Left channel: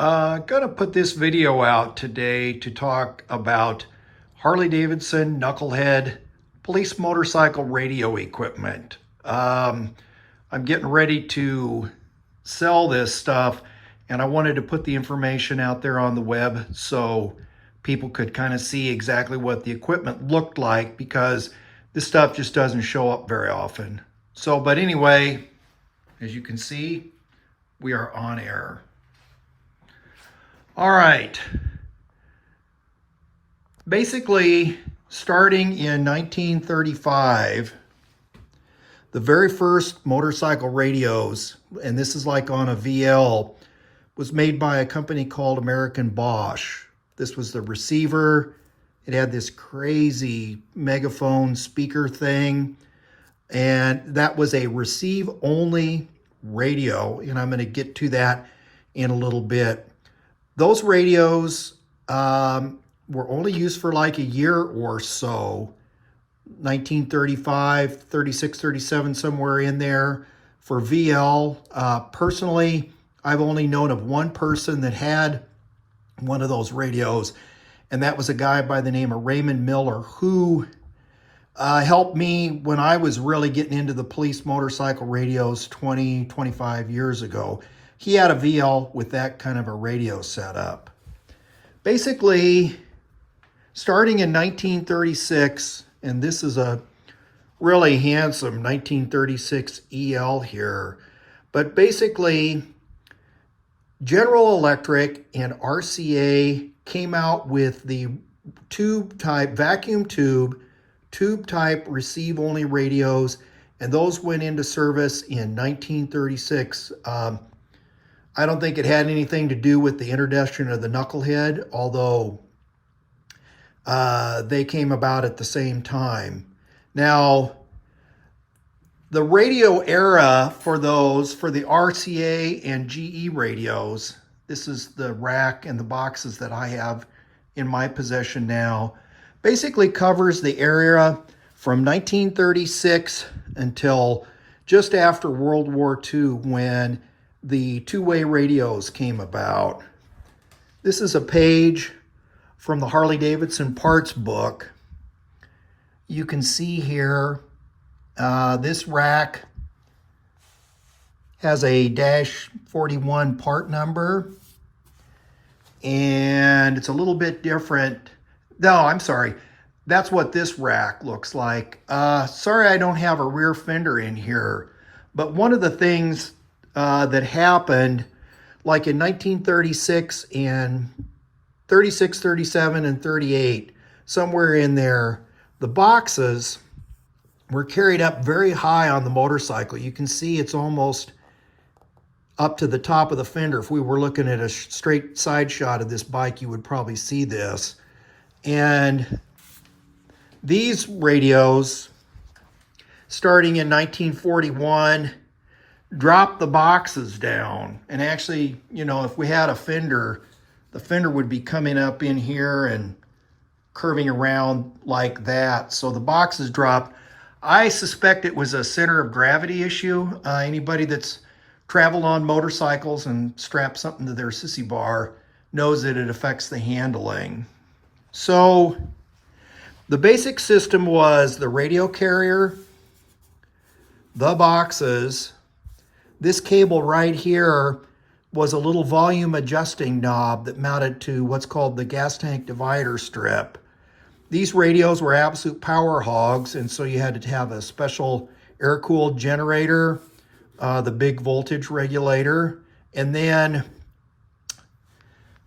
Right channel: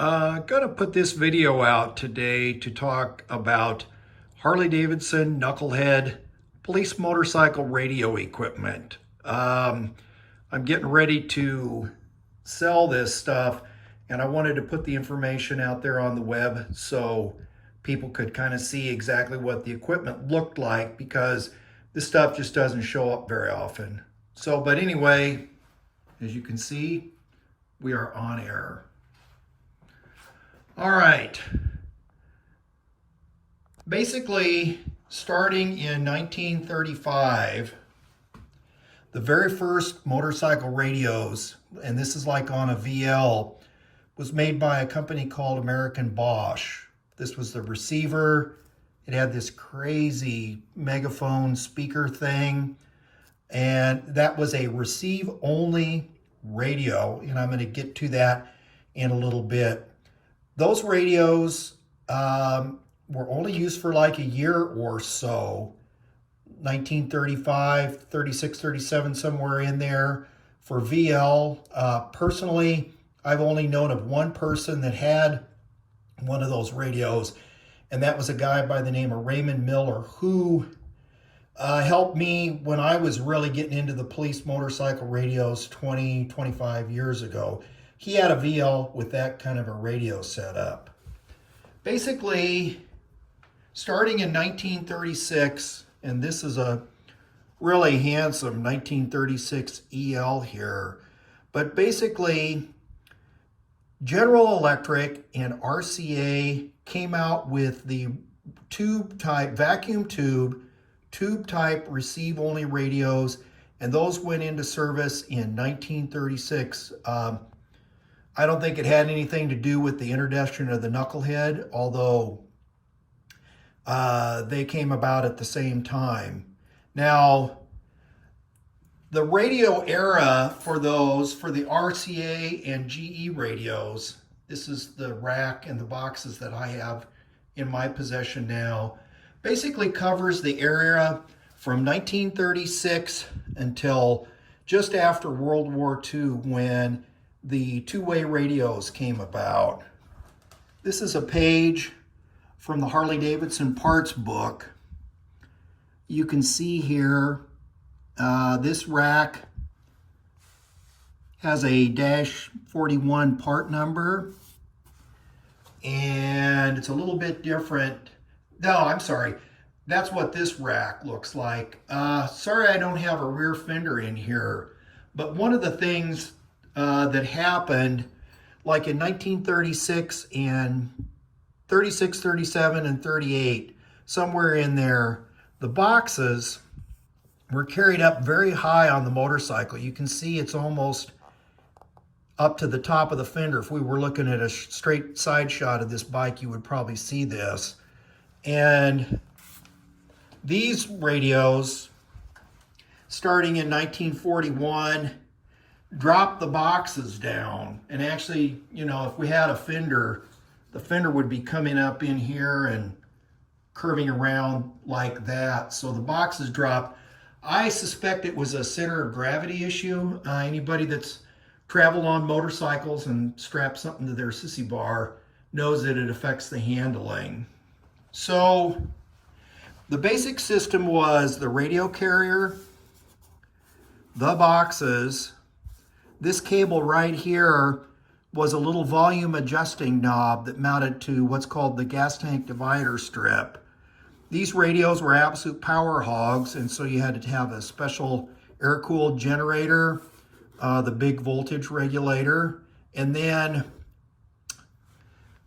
Gonna put this video out today to talk about Harley Davidson Knucklehead police motorcycle radio equipment. I'm getting ready to sell this stuff, and I wanted to put the information out there on the web so people could kind of see exactly what the equipment looked like, because this stuff just doesn't show up very often. But anyway, as you can see, we are on air. All right. Basically, starting in 1935, the very first motorcycle radios, and this is like on a VL, was made by a company called American Bosch. This was the receiver. It had this crazy megaphone speaker thing, and that was a receive-only radio, and I'm going to get to that in a little bit. Those radios were only used for like a year or so, 1935, 36, 37, somewhere in there for VL. Personally, I've only known of one person that had one of those radios, and that was a guy by the name of Raymond Miller, who helped me when I was really getting into the police motorcycle radios 20, 25 years ago. He had a VL with that kind of a radio setup. Basically, starting in 1936, and this is a really handsome 1936 EL here, but basically, General Electric and RCA came out with the tube-type, vacuum tube-type receive-only radios, and those went into service in 1936. I don't think it had anything to do with the introduction of the Knucklehead, although they came about at the same time. Now, the radio era for those, for the RCA and GE radios, this is the rack and the boxes that I have in my possession now, basically covers the area from 1936 until just after World War II, when the two-way radios came about. This is a page from the Harley Davidson parts book. You can see here, this rack has a -41 part number, and it's a little bit different. No, I'm sorry. That's what this rack looks like. Sorry I don't have a rear fender in here, but one of the things that happened, like in 1936 and 36, 37, and 38, somewhere in there, the boxes were carried up very high on the motorcycle. You can see it's almost up to the top of the fender. If we were looking at a straight side shot of this bike, you would probably see this. And these radios, starting in 1941, dropped the boxes down. And actually, you know, if we had a fender, the fender would be coming up in here and curving around like that. So the boxes dropped. I suspect it was a center of gravity issue. Anybody that's traveled on motorcycles and strapped something to their sissy bar knows that it affects the handling. So the basic system was the radio carrier, the boxes. This cable right here was a little volume adjusting knob that mounted to what's called the gas tank divider strip. These radios were absolute power hogs, and so you had to have a special air-cooled generator, the big voltage regulator, and then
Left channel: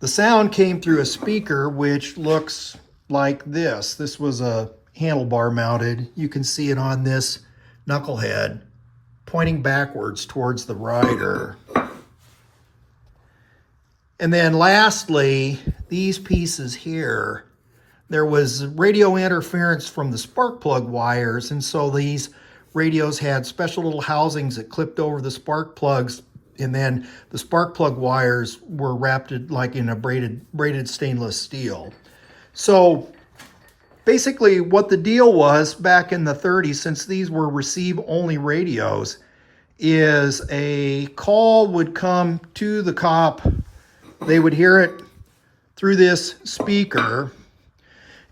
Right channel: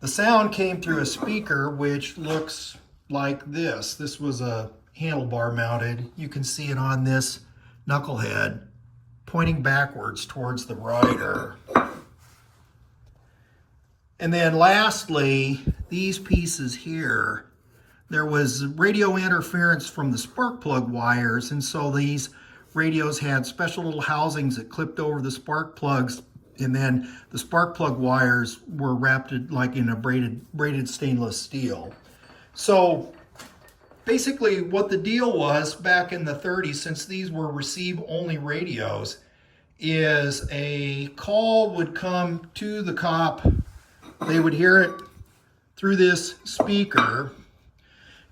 the sound came through a speaker which looks like this. This was a handlebar mounted. You can see it on this Knucklehead, pointing backwards towards the rider. And then lastly, these pieces here, there was radio interference from the spark plug wires, and so these radios had special little housings that clipped over the spark plugs, and then the spark plug wires were wrapped like in a braided stainless steel. So basically what the deal was back in the 30s, since these were receive-only radios, is a call would come to the cop They would hear it through this speaker,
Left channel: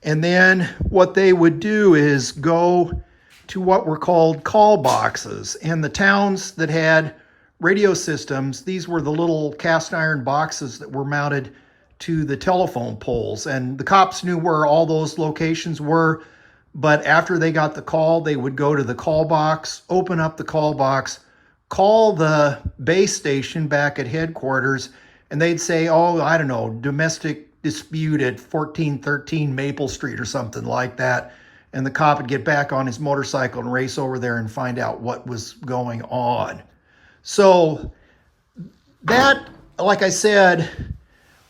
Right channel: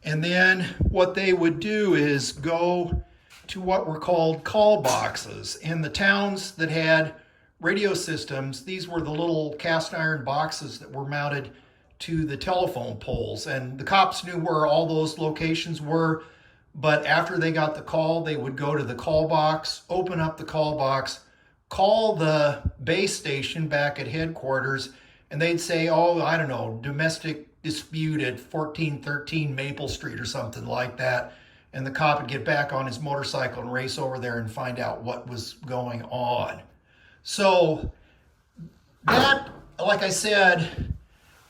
and then what they would do is go to what were called call boxes. And the towns that had radio systems, these were the little cast iron boxes that were mounted to the telephone poles. And the cops knew where all those locations were, but after they got the call, they would go to the call box, open up the call box, call the base station back at headquarters, and they'd say, oh, I don't know, domestic dispute at 1413 Maple Street or something like that. And the cop would get back on his motorcycle and race over there and find out what was going on. So that, like I said,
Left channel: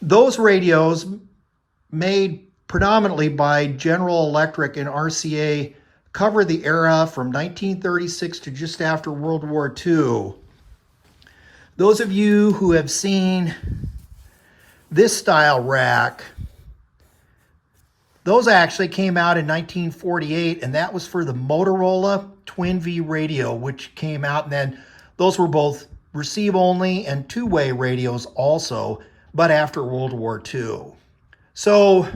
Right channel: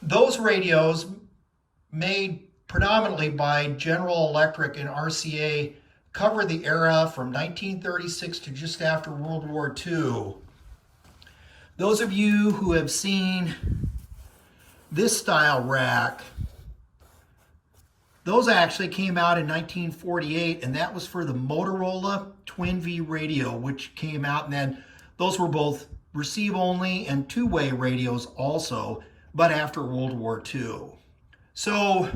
those radios made predominantly by General Electric and RCA cover the era from 1936 to just after World War II. Those of you who have seen this style rack, those actually came out in 1948, and that was for the Motorola Twin V radio, which came out, and then those were both receive only and two-way radios also, but after World War II. So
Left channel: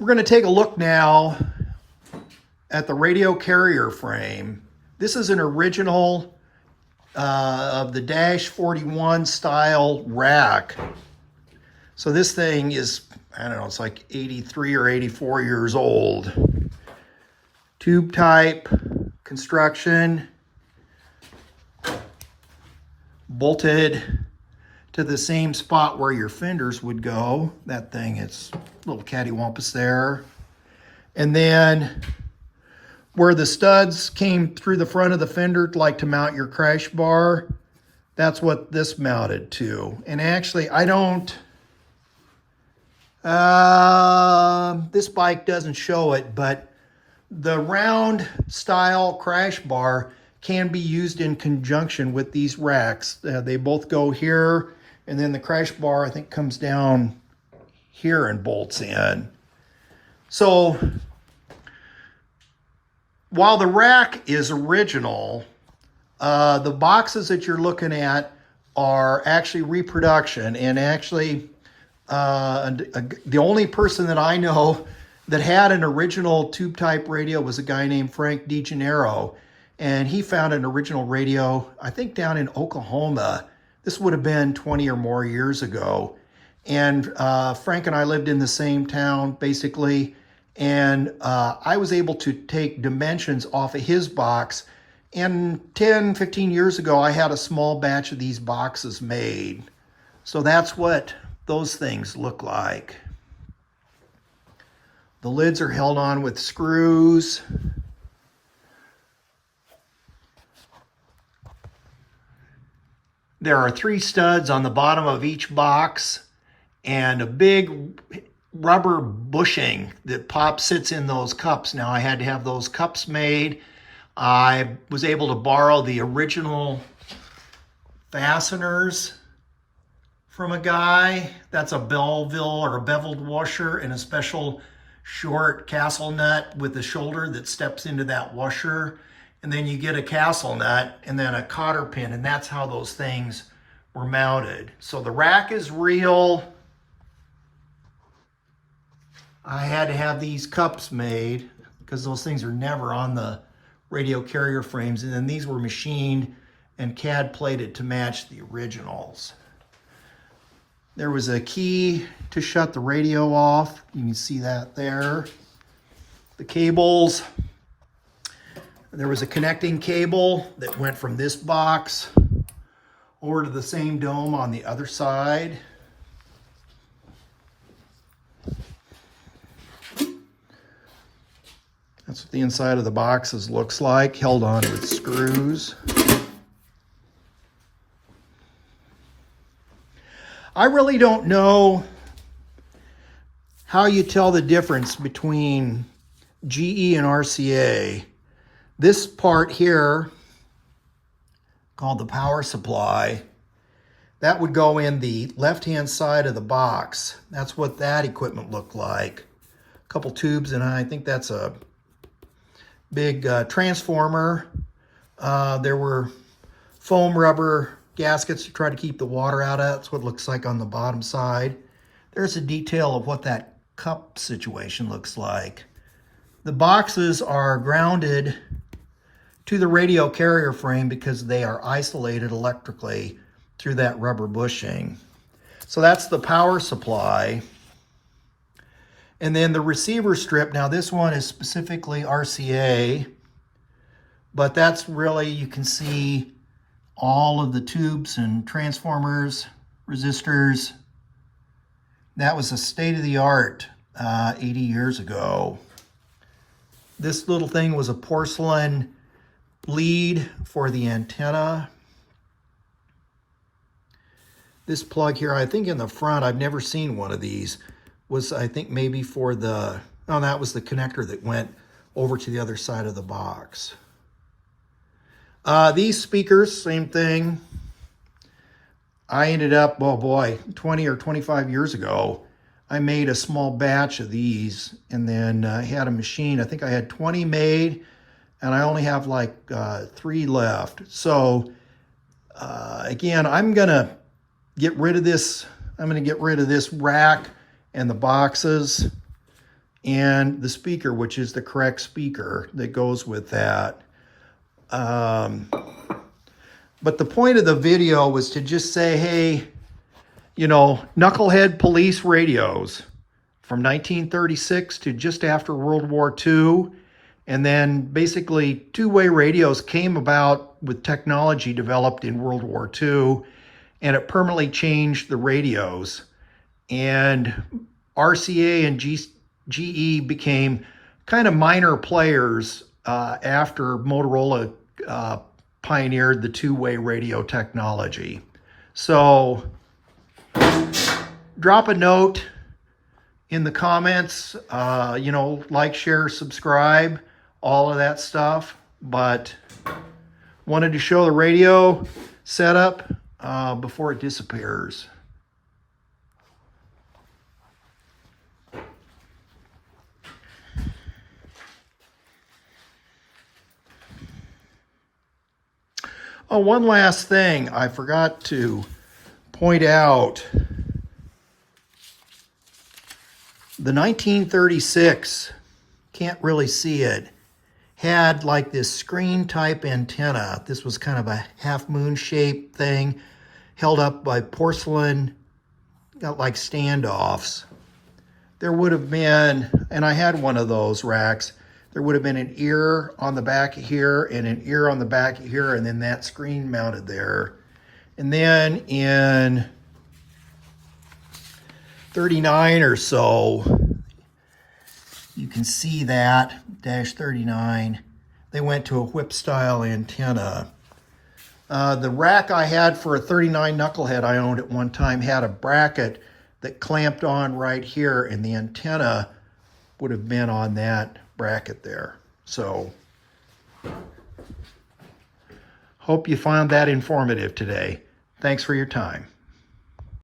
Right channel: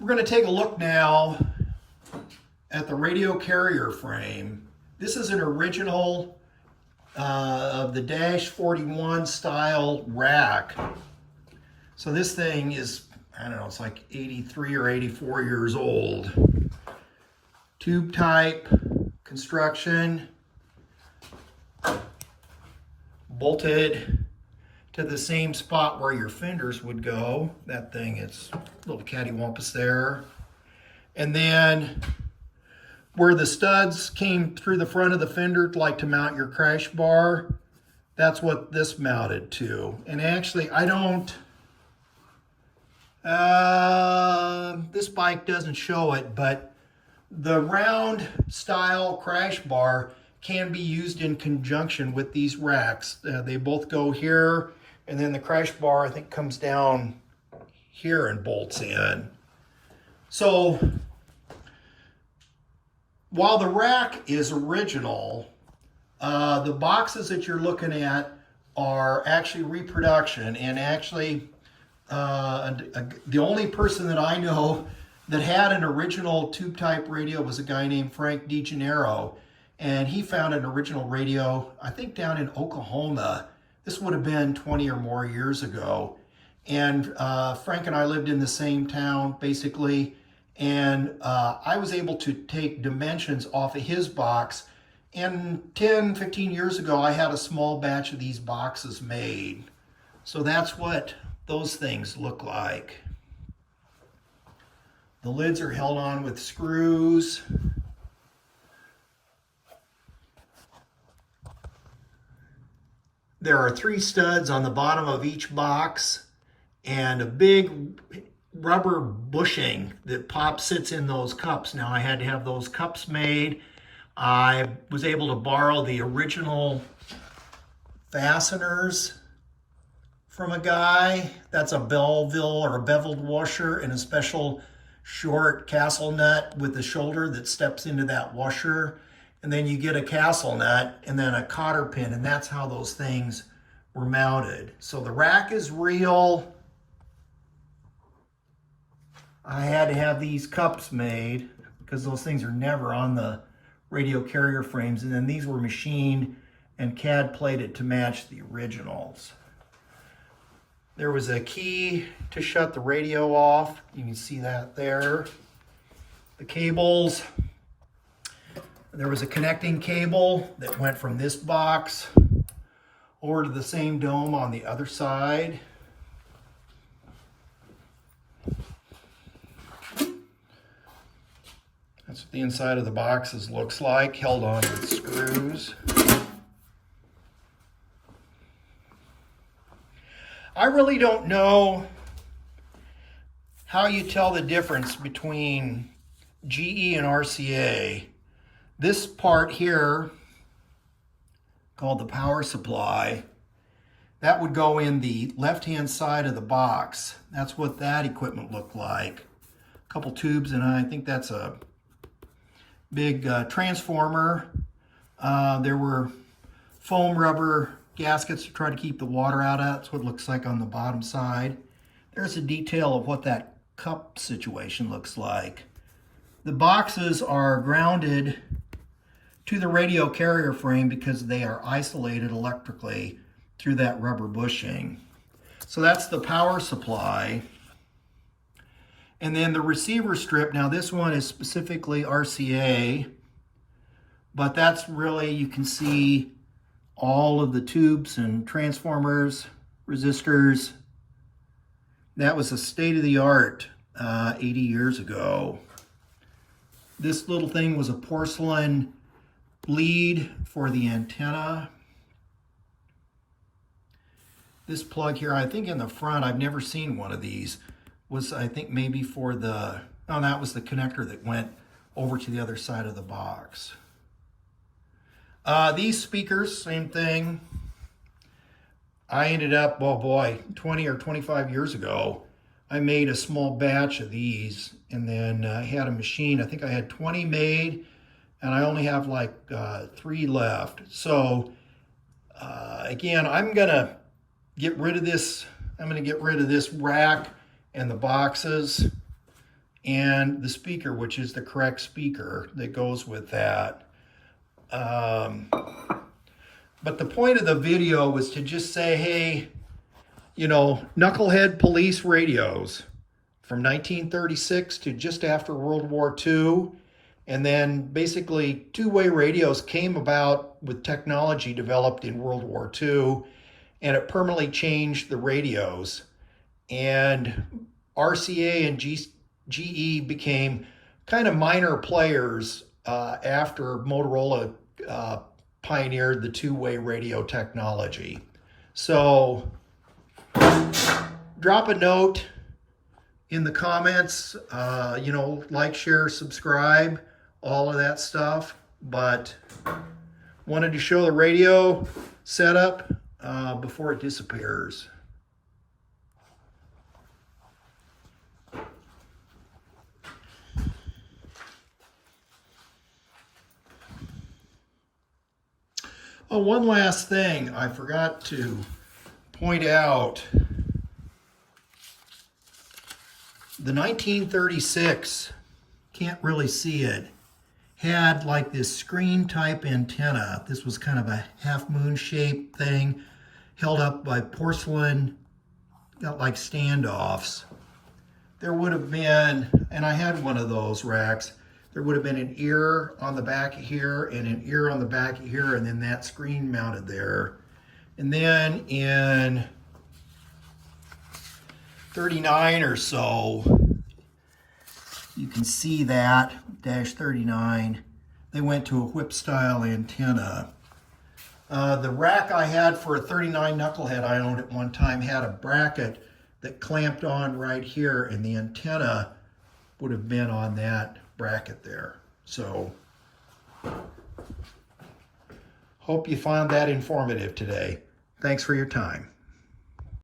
we're going to take a look now at the radio carrier frame. This is an original of the Dash 41 style rack. So this thing is, I don't know, it's like 83 or 84 years old. Tube type construction, bolted to the same spot where your fenders would go. That thing is a little cattywampus there. And then where the studs came through the front of the fender, like to mount your crash bar, that's what this mounted to. And actually, I don't, this bike doesn't show it, but the round style crash bar can be used in conjunction with these racks. They both go here, and then the crash bar, I think, comes down here and bolts in. So while the rack is original, the boxes that you're looking at are actually reproduction. And actually, the only person that I know that had an original tube type radio was a guy named Frank DeGennaro. And he found an original radio, I think down in Oklahoma. This would have been 20 or more years ago. And Frank and I lived in the same town, basically. And I was able to take dimensions off of his box. And 10, 15 years ago, I had a small batch of these boxes made. So that's what those things look like. The lids are held on with screws. There are 3 studs on the bottom of each box and a big rubber bushing that sits in those cups. Now I had to have those cups made. I was able to borrow the original fasteners from a guy. That's a Belleville or a beveled washer and a special short castle nut with a shoulder that steps into that washer. And then you get a castle nut and then a cotter pin, and that's how those things were mounted. So the rack is real. I had to have these cups made because those things are never on the radio carrier frames. And then these were machined and CAD plated to match the originals. There was a key to shut the radio off. You can see that there. The cables. There was a connecting cable that went from this box over to the same dome on the other side. That's what the inside of the boxes looks like, held on with screws. I really don't know how you tell the difference between GE and RCA. This part here, called the power supply, that would go in the left-hand side of the box. That's what that equipment looked like. A couple tubes, and I think that's a big transformer. There were foam rubber gaskets to try to keep the water out of. That's what it looks like on the bottom side. There's a detail of what that cup situation looks like. The boxes are grounded to the radio carrier frame because they are isolated electrically through that rubber bushing. So that's the power supply. And then the receiver strip, now this one is specifically RCA, but that's really, you can see all of the tubes and transformers, resistors. That was a state-of-the-art 80 years ago. This little thing was a porcelain lead for the antenna. This plug here, I think in the front, I've never seen one of these, was I think maybe for the, oh, that was the connector that went over to the other side of the box. These speakers, same thing. I ended up, oh boy, 20 or 25 years ago, I made a small batch of these, and then I had a machine. I think I had 20 made, and I only have like 3 left. So again, I'm gonna get rid of this. I'm gonna get rid of this rack and the boxes and the speaker, which is the correct speaker that goes with that. But the point of the video was to just say, hey, you know, Knucklehead police radios from 1936 to just after World War II. And then basically two-way radios came about with technology developed in World War II, and it permanently changed the radios. And RCA and GE became kind of minor players after Motorola pioneered the two-way radio technology. So drop a note in the comments, you know, like, share, subscribe, all of that stuff. But wanted to show the radio setup before it disappears. Oh, one last thing I forgot to point out. The 1936, can't really see it, had like this screen type antenna. This was kind of a half moon shaped thing held up by porcelain, got like standoffs. There would have been, and I had one of those racks, there would have been an ear on the back here and an ear on the back here, and then that screen mounted there. And then in 39 or so, you can see that, -39, they went to a whip style antenna. The rack I had for a 39 Knucklehead I owned at one time had a bracket that clamped on right here, and the antenna would have been on that bracket there. So hope you found that informative today. Thanks for your time.